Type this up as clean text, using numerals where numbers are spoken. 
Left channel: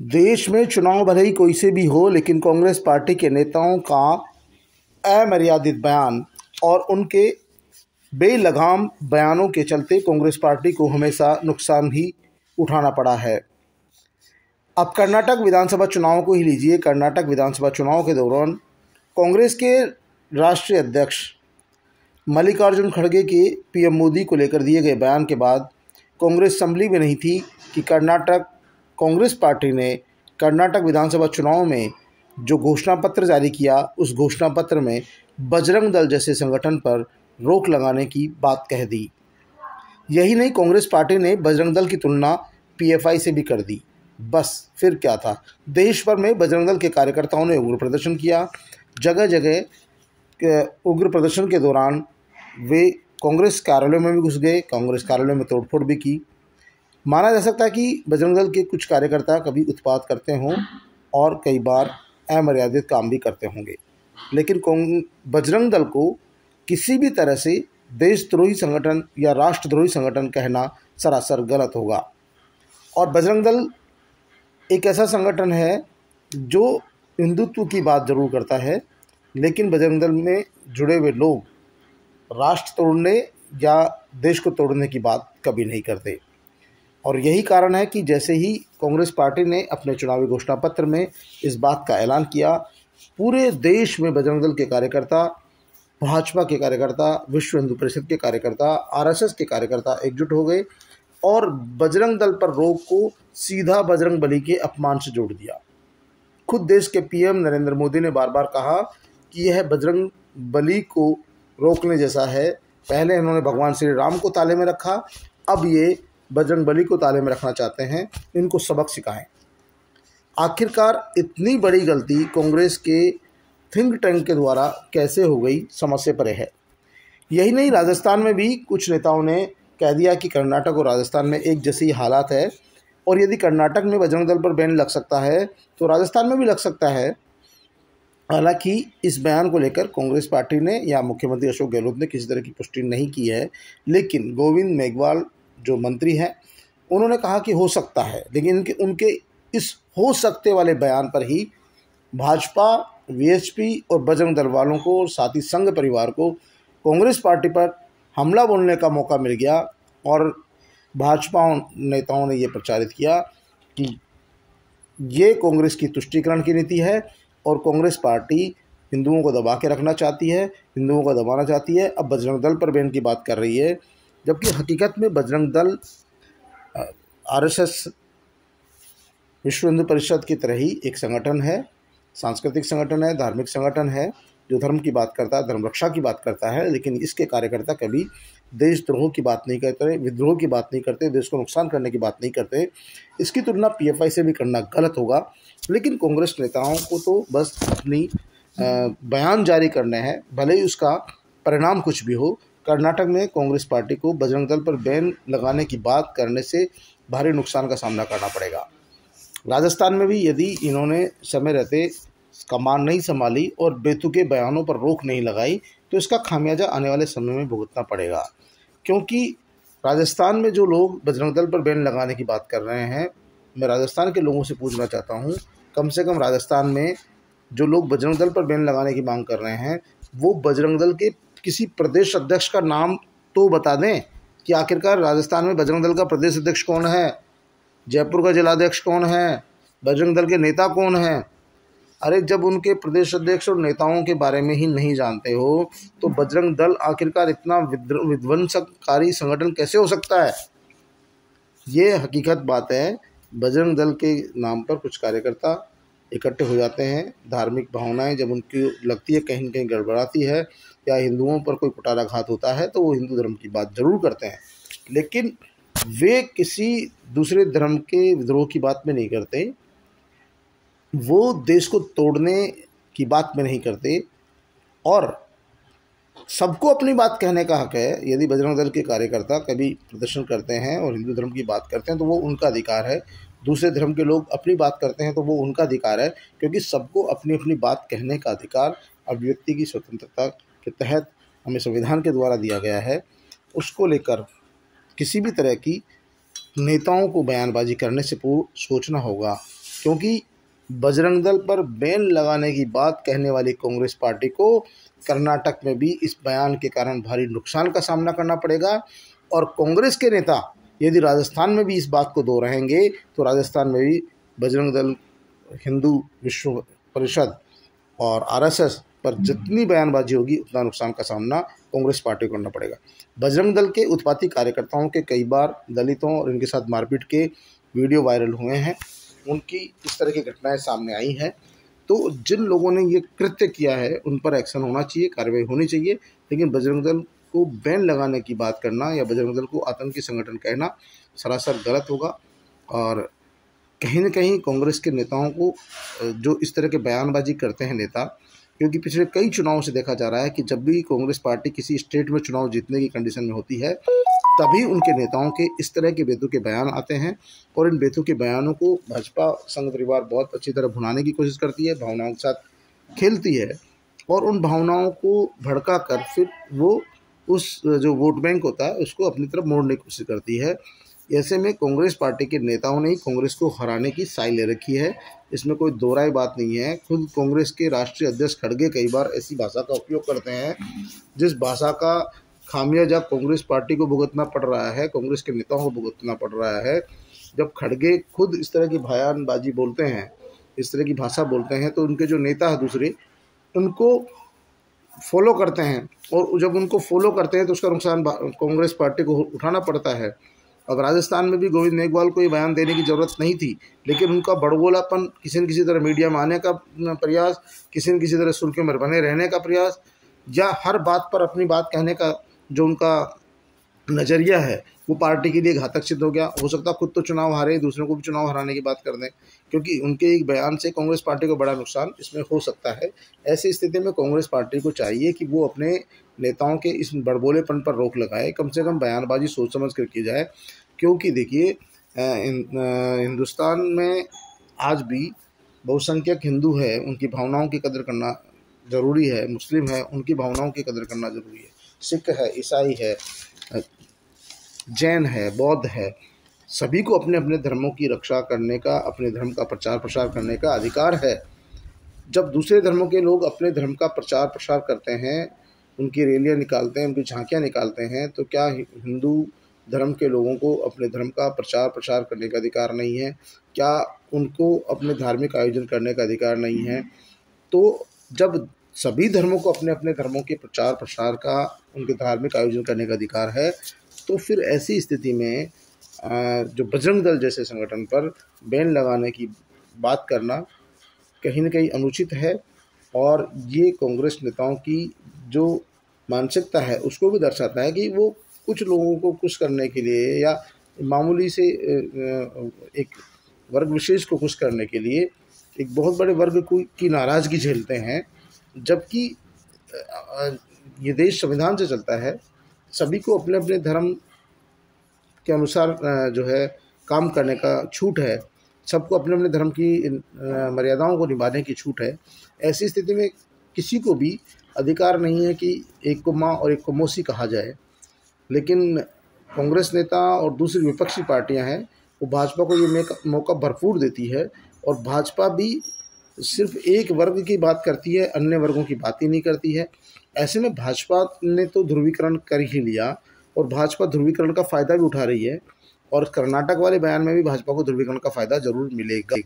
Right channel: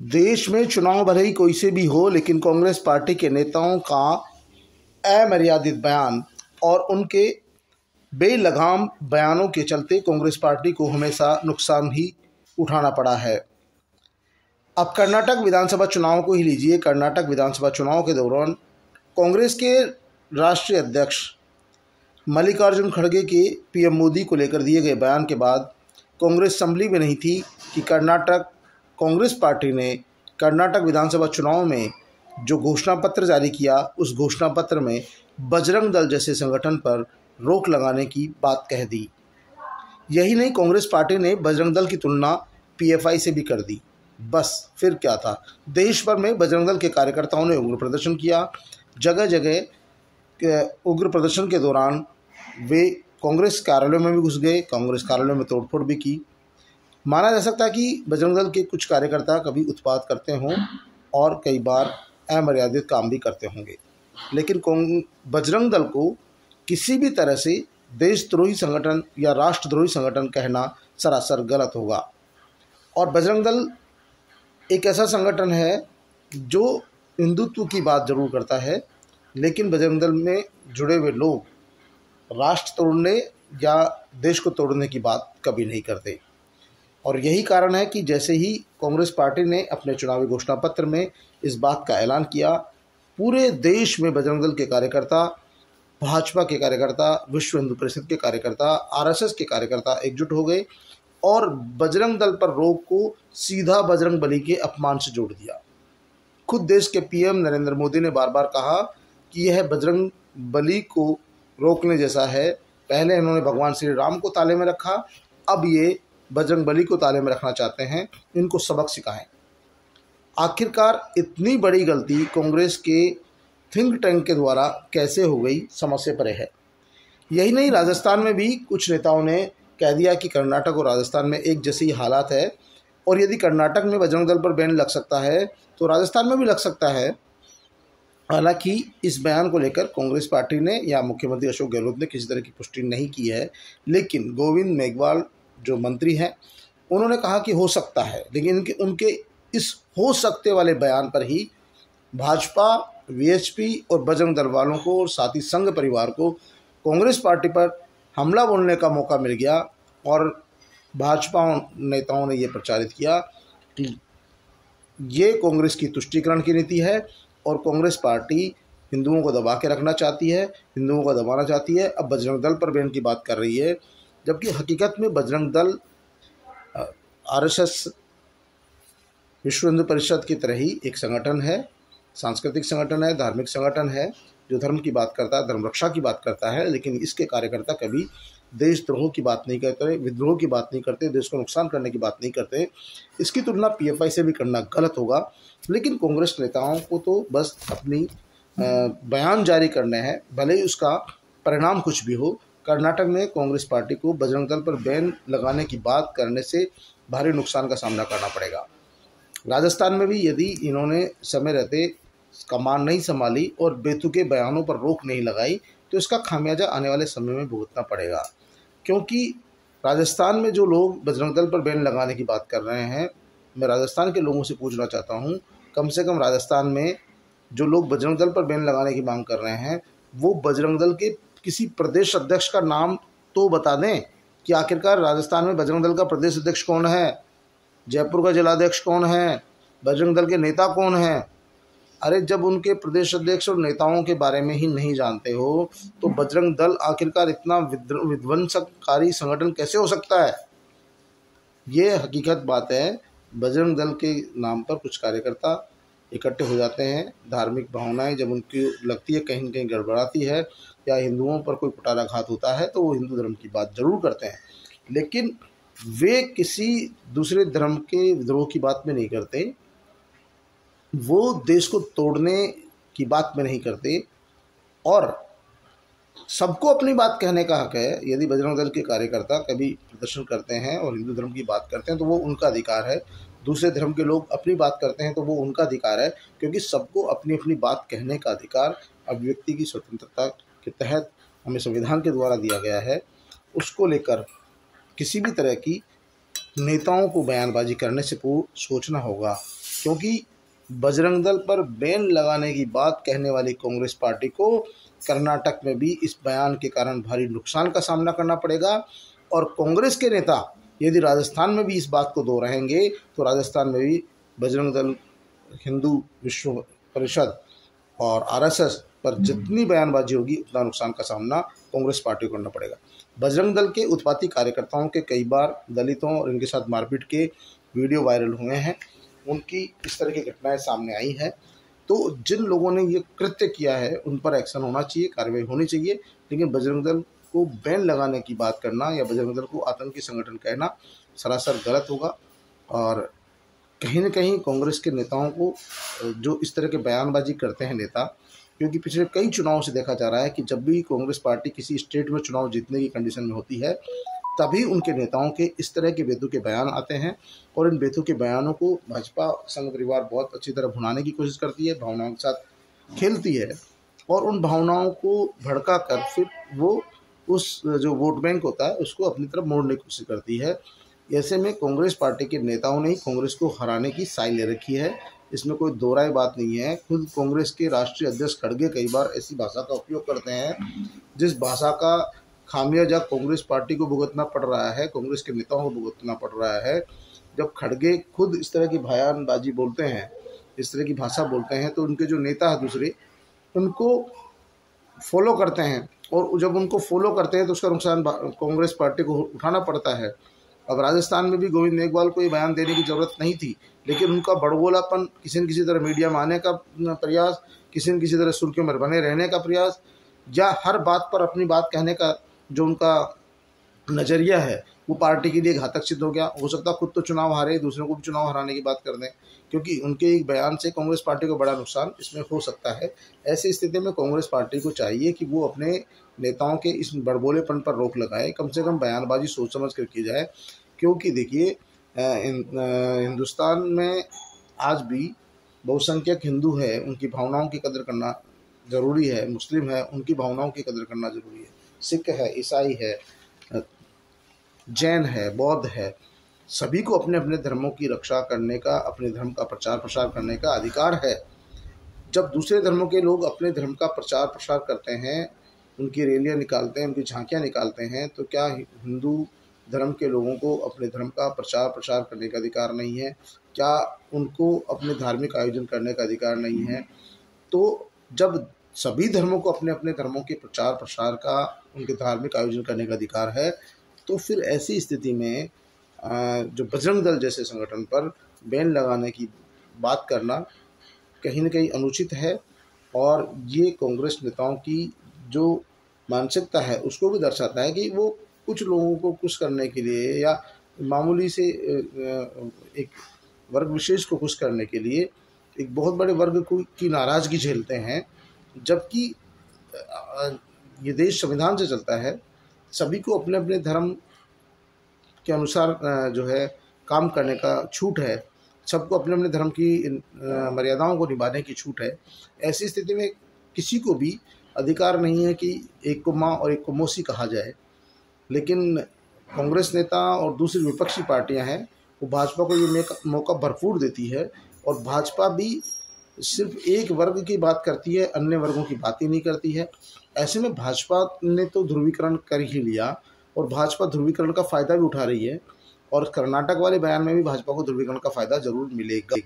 देश में चुनाव भले ही कोई से भी हो, लेकिन कांग्रेस पार्टी के नेताओं का अमर्यादित बयान और उनके बेलगाम बयानों के चलते कांग्रेस पार्टी को हमेशा नुकसान ही उठाना पड़ा है। अब कर्नाटक विधानसभा चुनाव को ही लीजिए। कर्नाटक विधानसभा चुनाव के दौरान कांग्रेस के राष्ट्रीय अध्यक्ष मल्लिकार्जुन खड़गे के पीएम मोदी को लेकर दिए गए बयान के बाद कांग्रेस संभली में नहीं थी कि कर्नाटक कांग्रेस पार्टी ने कर्नाटक विधानसभा चुनाव में जो घोषणा पत्र जारी किया, उस घोषणा पत्र में बजरंग दल जैसे संगठन पर रोक लगाने की बात कह दी। यही नहीं, कांग्रेस पार्टी ने बजरंग दल की तुलना पीएफआई से भी कर दी। बस फिर क्या था, देश भर में बजरंग दल के कार्यकर्ताओं ने उग्र प्रदर्शन किया। जगह जगह उग्र प्रदर्शन के दौरान वे कांग्रेस कार्यालयों में भी घुस गए, कांग्रेस कार्यालयों में तोड़फोड़ भी की। माना जा सकता है कि बजरंग दल के कुछ कार्यकर्ता कभी उत्पात करते हों और कई बार अमर्यादित काम भी करते होंगे, लेकिन बजरंग दल को किसी भी तरह से देशद्रोही संगठन या राष्ट्रद्रोही संगठन कहना सरासर गलत होगा। और बजरंग दल एक ऐसा संगठन है जो हिंदुत्व की बात जरूर करता है, लेकिन बजरंग दल में जुड़े हुए लोग राष्ट्र तोड़ने या देश को तोड़ने की बात कभी नहीं करते। और यही कारण है कि जैसे ही कांग्रेस पार्टी ने अपने चुनावी घोषणा पत्र में इस बात का ऐलान किया, पूरे देश में बजरंग दल के कार्यकर्ता, भाजपा के कार्यकर्ता, विश्व हिंदू परिषद के कार्यकर्ता, आरएसएस के कार्यकर्ता एकजुट हो गए और बजरंग दल पर रोक को सीधा बजरंग बली के अपमान से जोड़ दिया। खुद देश के पीएम नरेंद्र मोदी ने बार बार कहा कि यह बजरंग बली को रोकने जैसा है। पहले इन्होंने भगवान श्री राम को ताले में रखा, अब ये बजरंग बली को ताले में रखना चाहते हैं। इनको सबक सिखाएं। आखिरकार इतनी बड़ी गलती कांग्रेस के थिंक टैंक के द्वारा कैसे हो गई, समझ से परे है। यही नहीं, राजस्थान में भी कुछ नेताओं ने कह दिया कि कर्नाटक और राजस्थान में एक जैसी हालात है और यदि कर्नाटक में बजरंग दल पर बैन लग सकता है तो राजस्थान में भी लग सकता है। हालांकि इस बयान को लेकर कांग्रेस पार्टी ने या मुख्यमंत्री अशोक गहलोत ने किसी तरह की पुष्टि नहीं की है, लेकिन गोविंद मेघवाल जो मंत्री हैं उन्होंने कहा कि हो सकता है। लेकिन उनके इस हो सकते वाले बयान पर ही भाजपा, वीएचपी और बजरंग दल वालों को और साथ ही संघ परिवार को कांग्रेस पार्टी पर हमला बोलने का मौका मिल गया और भाजपा नेताओं ने ये प्रचारित किया कि ये कांग्रेस की तुष्टीकरण की नीति है और कांग्रेस पार्टी हिंदुओं को दबा के रखना चाहती है, हिंदुओं को दबाना चाहती है। अब बजरंग दल पर बैन की बात कर रही है, जबकि हकीकत में बजरंग दल आरएसएस, विश्व हिंदू परिषद की तरह ही एक संगठन है, सांस्कृतिक संगठन है, धार्मिक संगठन है जो धर्म की बात करता है, धर्म रक्षा की बात करता है। लेकिन इसके कार्यकर्ता कभी देशद्रोह की बात नहीं करते, विद्रोह की बात नहीं करते, देश को नुकसान करने की बात नहीं करते। इसकी तुलना पीएफआई से भी करना गलत होगा। लेकिन कांग्रेस नेताओं को तो बस अपनी बयान जारी करने हैं, भले ही उसका परिणाम कुछ भी हो। कर्नाटक में कांग्रेस पार्टी को बजरंग दल पर बैन लगाने की बात करने से भारी नुकसान का सामना करना पड़ेगा। राजस्थान में भी यदि इन्होंने समय रहते कमान नहीं संभाली और बेतुके बयानों पर रोक नहीं लगाई तो इसका खामियाजा आने वाले समय में भुगतना पड़ेगा। क्योंकि राजस्थान में जो लोग बजरंग दल पर बैन लगाने की बात कर रहे हैं, मैं राजस्थान के लोगों से पूछना चाहता हूं, कम से कम राजस्थान में जो लोग बजरंग दल पर बैन लगाने की मांग कर रहे हैं वो बजरंग दल के किसी प्रदेश अध्यक्ष का नाम तो बता दें कि आखिरकार राजस्थान में बजरंग दल का प्रदेश अध्यक्ष कौन है, जयपुर का जिलाध्यक्ष कौन है, बजरंग दल के नेता कौन हैं। अरे जब उनके प्रदेश अध्यक्ष और नेताओं के बारे में ही नहीं जानते हो तो बजरंग दल आखिरकार इतना विध्वंसकारी संगठन कैसे हो सकता है। ये हकीकत बात है। बजरंग दल के नाम पर कुछ कार्यकर्ता इकट्ठे हो जाते हैं, धार्मिक भावनाएं जब उनकी लगती है कहीं न कहीं गड़बड़ाती है या हिंदुओं पर कोई कुटाराघात होता है तो वो हिंदू धर्म की बात जरूर करते हैं, लेकिन वे किसी दूसरे धर्म के विद्रोह की बात में नहीं करते, वो देश को तोड़ने की बात में नहीं करते। और सबको अपनी बात कहने का हक है। यदि बजरंग दल के कार्यकर्ता कभी प्रदर्शन करते हैं और हिंदू धर्म की बात करते हैं तो वो उनका अधिकार है, दूसरे धर्म के लोग अपनी बात करते हैं तो वो उनका अधिकार है, क्योंकि सबको अपनी अपनी बात कहने का अधिकार अभिव्यक्ति की स्वतंत्रता के तहत हमें संविधान के द्वारा दिया गया है। उसको लेकर किसी भी तरह की नेताओं को बयानबाजी करने से पूर्व सोचना होगा क्योंकि बजरंग दल पर बैन लगाने की बात कहने वाली कांग्रेस पार्टी को कर्नाटक में भी इस बयान के कारण भारी नुकसान का सामना करना पड़ेगा। और कांग्रेस के नेता यदि राजस्थान में भी इस बात को दोहराएंगे तो राजस्थान में भी बजरंग दल, हिंदू विश्व परिषद और आरएसएस पर जितनी बयानबाजी होगी उतना नुकसान का सामना कांग्रेस पार्टी को करना पड़ेगा। बजरंग दल के उत्पाती कार्यकर्ताओं के कई बार दलितों और इनके साथ मारपीट के वीडियो वायरल हुए हैं, उनकी इस तरह की घटनाएं सामने आई हैं। तो जिन लोगों ने ये कृत्य किया है उन पर एक्शन होना चाहिए, कार्रवाई होनी चाहिए। लेकिन बजरंग दल को बैन लगाने की बात करना या बजरंग दल को आतंकी संगठन कहना सरासर गलत होगा। और कहीं न कहीं कांग्रेस के नेताओं को जो इस तरह के बयानबाजी करते हैं नेता, क्योंकि पिछले कई चुनावों से देखा जा रहा है कि जब भी कांग्रेस पार्टी किसी स्टेट में चुनाव जीतने की कंडीशन में होती है तभी उनके नेताओं के इस तरह के बेतुके बयान आते हैं। और इन बेतुके बयानों को भाजपा संघ परिवार बहुत अच्छी तरह भुनाने की कोशिश करती है, भावनाओं के साथ खेलती है और उन भावनाओं को भड़का कर फिर वो उस जो वोट बैंक होता है उसको अपनी तरफ मोड़ने की कोशिश करती है। ऐसे में कांग्रेस पार्टी के नेताओं ने ही कांग्रेस को हराने की साई ले रखी है, इसमें कोई दो राय बात नहीं है। खुद कांग्रेस के राष्ट्रीय अध्यक्ष खड़गे कई बार ऐसी भाषा का उपयोग करते हैं जिस भाषा का खामियाजा कांग्रेस पार्टी को भुगतना पड़ रहा है, कांग्रेस के नेताओं को भुगतना पड़ रहा है। जब खड़गे खुद इस तरह की बयानबाजी बोलते हैं, इस तरह की भाषा बोलते हैं, तो उनके जो नेता है दूसरे उनको फॉलो करते हैं और जब उनको फॉलो करते हैं तो उसका नुकसान कांग्रेस पार्टी को उठाना पड़ता है। अब राजस्थान में भी गोविंद मेघवाल को ये बयान देने की ज़रूरत नहीं थी, लेकिन उनका बड़बोलापन, किसी न किसी तरह मीडिया में आने का प्रयास, किसी न किसी तरह सुर्खियों में बने रहने का प्रयास, या हर बात पर अपनी बात कहने का जो उनका नज़रिया है वो पार्टी के लिए घातक सिद्ध हो गया। हो सकता है खुद तो चुनाव हारे, दूसरों को भी चुनाव हराने की बात कर दें, क्योंकि उनके एक बयान से कांग्रेस पार्टी को बड़ा नुकसान इसमें हो सकता है। ऐसी स्थिति में कांग्रेस पार्टी को चाहिए कि वो अपने नेताओं के इस बड़बोलेपन पर रोक लगाए, कम से कम बयानबाजी सोच समझ कर की जाए। क्योंकि देखिए हिंदुस्तान में आज भी बहुसंख्यक हिंदू है, उनकी भावनाओं की कदर करना ज़रूरी है, मुस्लिम है उनकी भावनाओं की कदर करना ज़रूरी है, सिख है, ईसाई है, जैन है, बौद्ध है, सभी को अपने अपने धर्मों की रक्षा करने का, अपने धर्म का प्रचार प्रसार करने का अधिकार है। जब दूसरे धर्मों के लोग अपने धर्म का प्रचार प्रसार करते हैं, उनकी रैलियां निकालते हैं, उनकी झांकियां निकालते हैं, तो क्या हिंदू धर्म के लोगों को अपने धर्म का प्रचार प्रसार करने का अधिकार नहीं है? क्या उनको अपने धार्मिक आयोजन करने का अधिकार नहीं है? तो जब सभी धर्मों को अपने अपने धर्मों के प्रचार प्रसार का, उनके धार्मिक आयोजन करने का अधिकार है, तो फिर ऐसी स्थिति में जो बजरंग दल जैसे संगठन पर बैन लगाने की बात करना कहीं न कहीं अनुचित है। और ये कांग्रेस नेताओं की जो मानसिकता है उसको भी दर्शाता है कि वो कुछ लोगों को खुश करने के लिए या मामूली से एक वर्ग विशेष को खुश करने के लिए एक बहुत बड़े वर्ग की नाराज़गी झेलते हैं। जबकि ये देश संविधान से चलता है, सभी को अपने अपने धर्म के अनुसार जो है काम करने का छूट है, सबको अपने अपने धर्म की मर्यादाओं को निभाने की छूट है। ऐसी स्थिति में किसी को भी अधिकार नहीं है कि एक को माँ और एक को मौसी कहा जाए। लेकिन कांग्रेस नेता और दूसरी विपक्षी पार्टियां हैं वो भाजपा को ये मौका भरपूर देती है, और भाजपा भी सिर्फ एक वर्ग की बात करती है, अन्य वर्गों की बात ही नहीं करती है। ऐसे में भाजपा ने तो ध्रुवीकरण कर ही लिया और भाजपा ध्रुवीकरण का फ़ायदा भी उठा रही है, और कर्नाटक वाले बयान में भी भाजपा को ध्रुवीकरण का फ़ायदा जरूर मिलेगा।